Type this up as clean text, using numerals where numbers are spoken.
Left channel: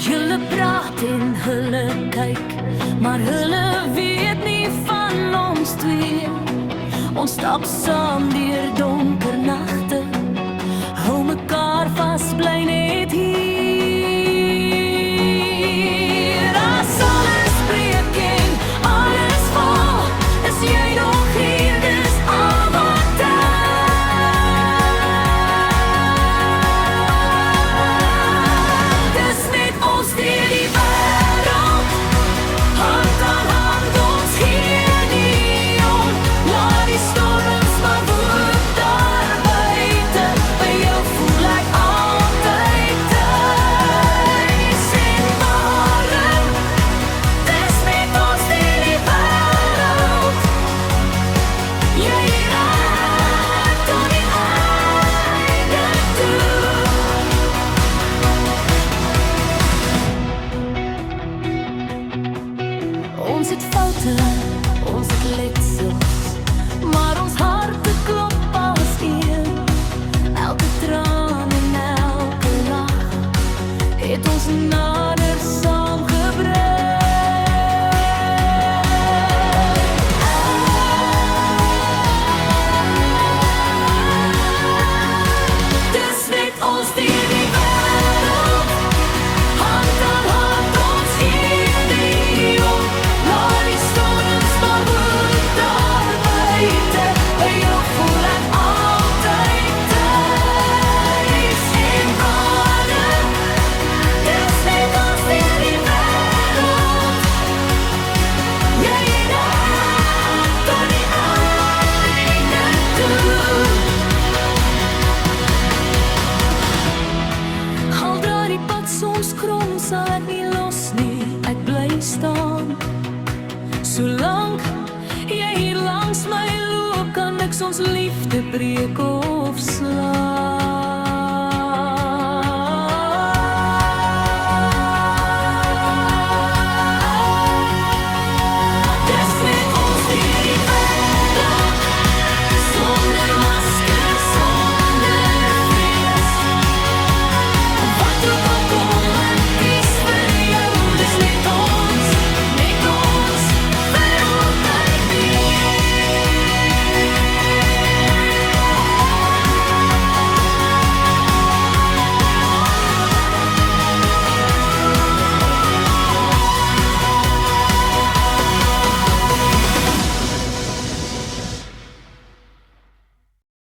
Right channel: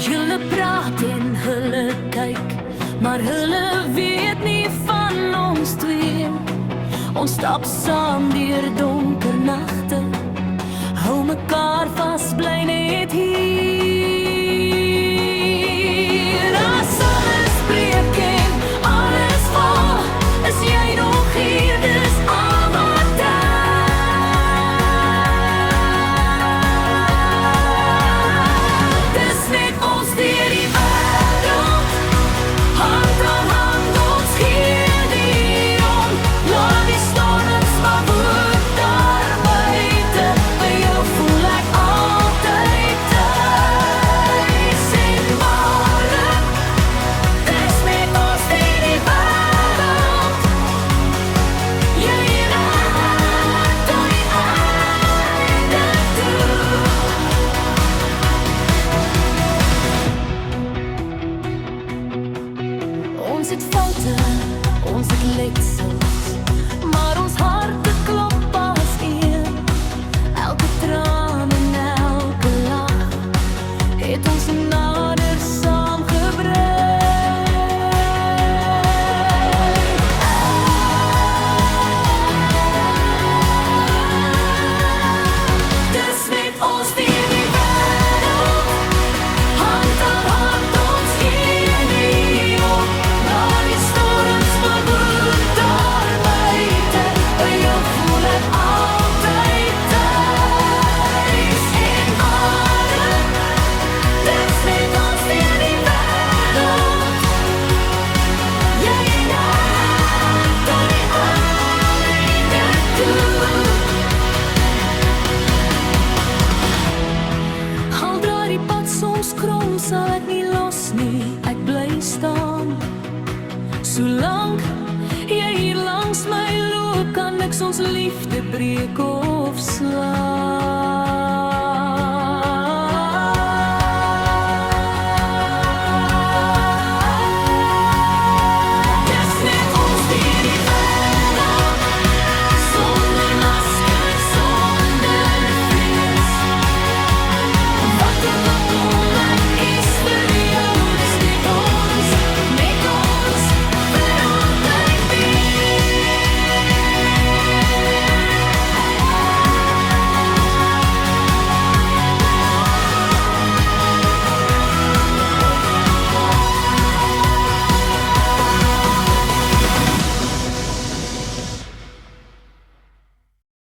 Julle praat en hulle kyk, maar hulle weet nie van ons twee. Ons stap saam deur donker nagte, hou mekaar vas, bly net hier. As alles breek en alles val, is jy nog hier, dis al wat tel. Dis net ons deur die wêreld, hand aan hand, ons gee nie om. Laat die storms maar woed daar buite, by jou voel ek altyd tuis en warm. Dis net ons deur die wêreld, jy en ek tot die einde toe. Ons het foute, ons het letsels, maar ons harte klop as een. Elke traan en elke lach het ons nader saamgebring. Dis net ons deur die wêreld, hand aan hand, ons gee nie om. Laat die storms maar woed daar buite, by jou voel ek altyd tuis en warm. Dis net ons deur die wêreld, jy en ek tot die einde toe. Al draai die pad soms krom, sal ek nie los nie, ek bly staan. Solank jy hier langs my loop, kan niks ons liefde breek of slaan.